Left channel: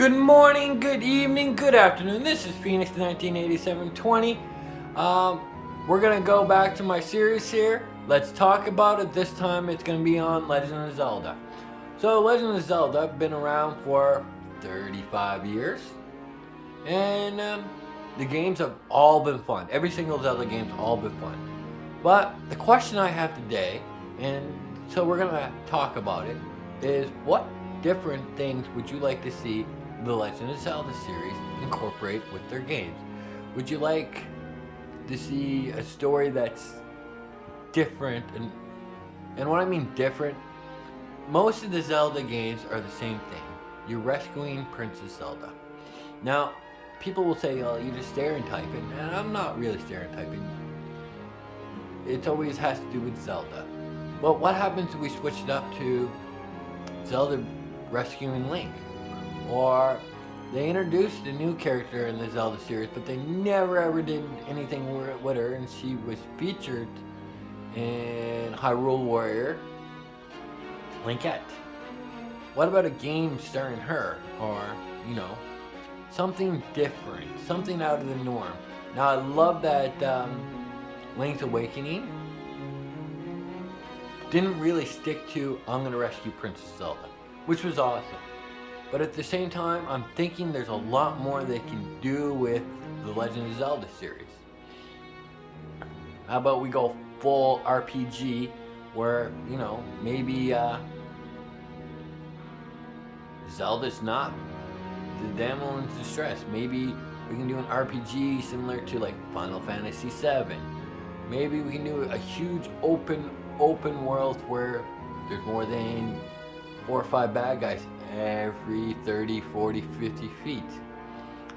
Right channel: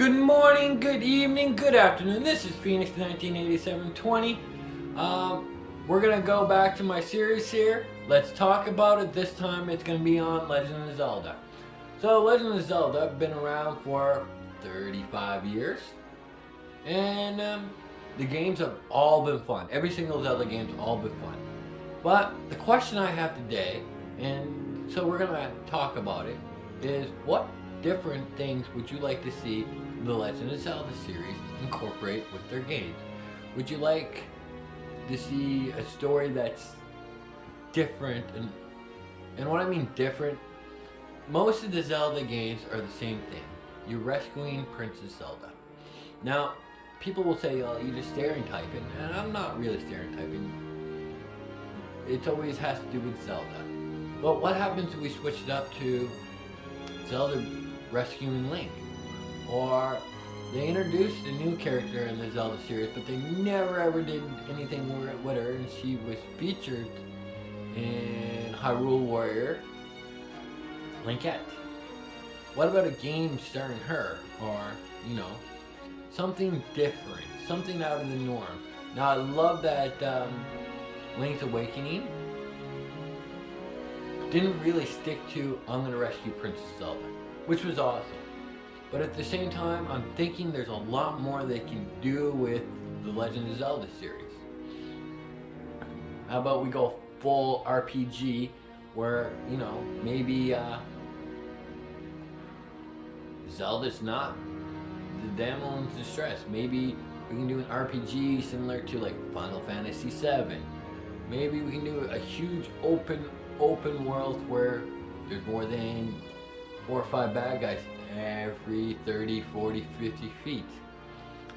Good morning, good evening, good afternoon. This is Phoenix 1987-20. We're gonna go back to my series here. Let's talk about it. This time it's gonna be on Legend of Zelda. So Legend of Zelda been around for 35 years, and the games have all been fun. Every single Zelda game's all been fun. But the question I have today, and so we're gonna talk about it, is what different things would you like to see the Legend of Zelda series incorporate with their games? Would you like to see a story that's different? And what I mean different, most of the Zelda games are the same thing. You're rescuing Princess Zelda. Now, people will say, "Oh, you're just stereotyping," and I'm not really stereotyping. It always has to do with Zelda. But what happens if we switch it up to Zelda rescuing Link? Or they introduced a new character in the Zelda series, but they never ever did anything with her, and she was featured in Hyrule Warrior Linkette. What about a game starring her? Or, something different, something out of the norm. Now, I love that Link's Awakening didn't really stick to "I'm gonna rescue Princess Zelda," which was awesome. But at the same time, I'm thinking there's a lot more they can do with the Legend of Zelda series. How about we go full RPG where, maybe Zelda's not the damsel in distress. Maybe we can do an RPG similar to like Final Fantasy VII. Maybe we can do a huge open world where there's more than 4 or 5 bad guys every 30, 40, 50 feet.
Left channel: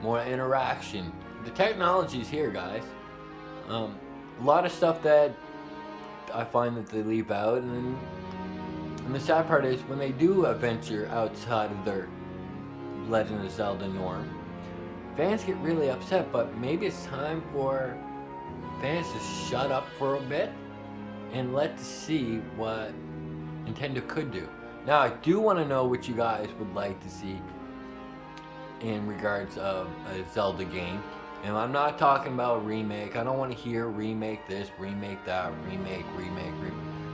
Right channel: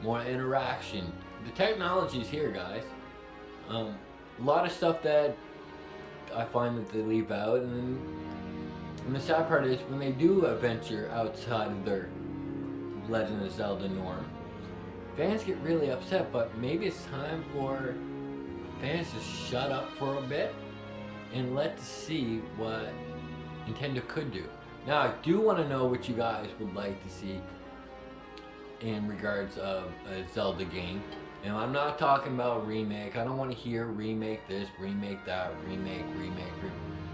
More interaction. The technology's here, guys. A lot of stuff that I find that they leave out, and the sad part is when they do venture outside of their Legend of Zelda norm, fans get really upset, but maybe it's time for fans to shut up for a bit and let's see what Nintendo could do. Now, I do want to know what you guys would like to see in regards of a Zelda game. And I'm not talking about remake. I don't want to hear remake this, remake that, remake.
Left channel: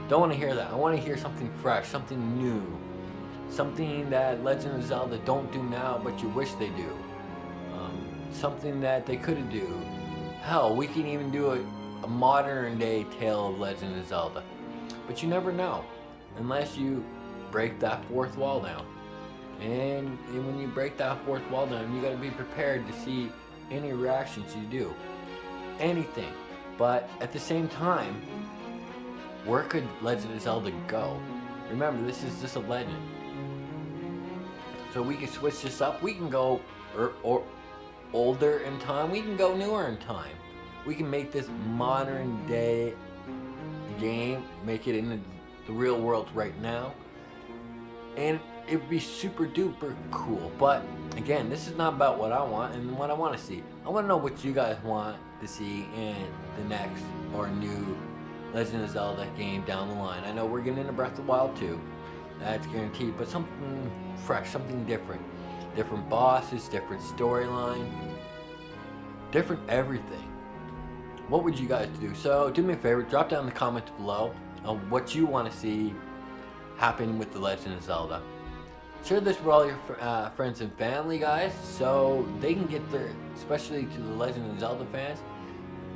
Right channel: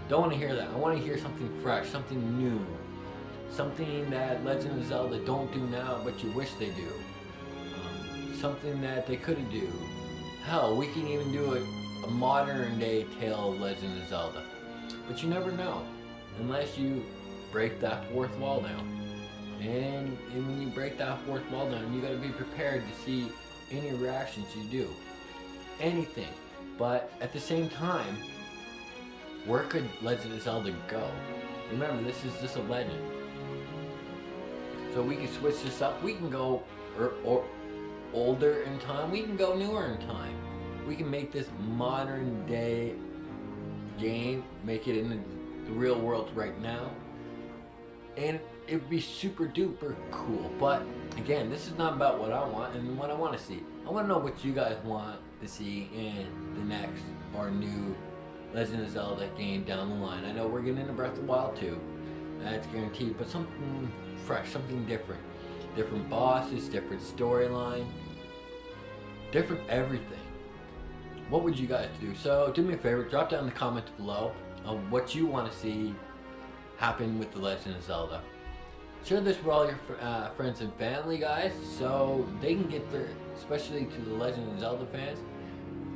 Don't want to hear that. I want to hear something fresh, something new. Something that Legend of Zelda don't do now, but you wish they do. Something that they could do. Hell, we can even do a modern day tale of Legend of Zelda. But you never know. Unless you break that fourth wall down. And when you break that fourth wall down, you gotta be prepared to see any reactions you do. Anything. But at the same time, where could Legend of Zelda go? Remember, this is just a legend. So we can switch this up. We can go or older in time. We can go newer in time. We can make this modern day game, make it in the real world right now. And it'd be super duper cool. But again, this is not about what I want and what I want to see. I want to know what you guys want to see in the next or new Legend of Zelda game down the line. I know we're getting into Breath of the Wild 2. That's guaranteed. But something fresh, something different. Different bosses, different storyline, different everything. What would you guys do? So do me a favor, drop down in the comments below on what you want to see happen with the Legend of Zelda. Share this with all your friends and family, guys, so they can get especially to the Legend of Zelda fans,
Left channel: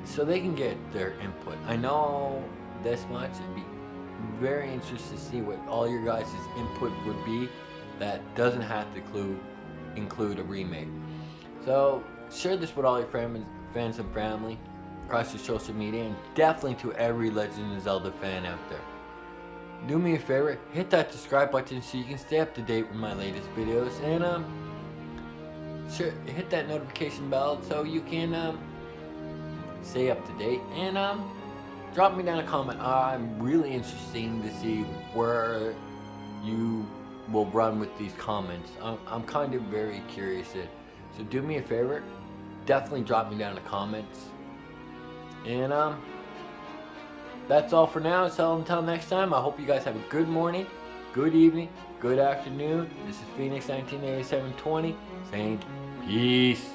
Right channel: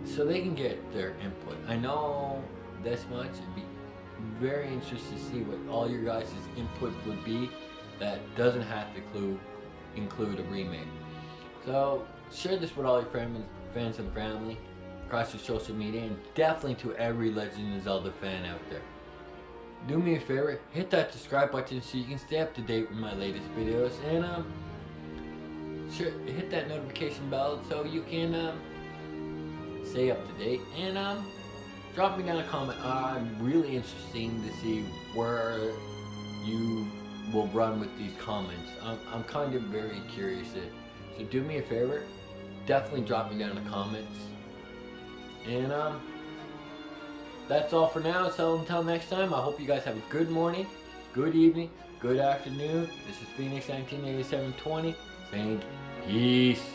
so they can get their input. I know this much. It'd be very interesting to see what all your guys' input would be that doesn't have to include a remake. So share this with all your friends and family across your social media, and definitely to every Legend of Zelda fan out there. Do me a favor, hit that subscribe button so you can stay up to date with my latest videos, and hit that notification bell so you can stay up to date, and drop me down a comment. I'm really interested to see where you will run with these comments. I'm kind of very curious. So do me a favor, definitely drop me down in the comments. And that's all for now. So until next time, I hope you guys have a good morning, good evening, good afternoon. This is Phoenix 198720 saying peace.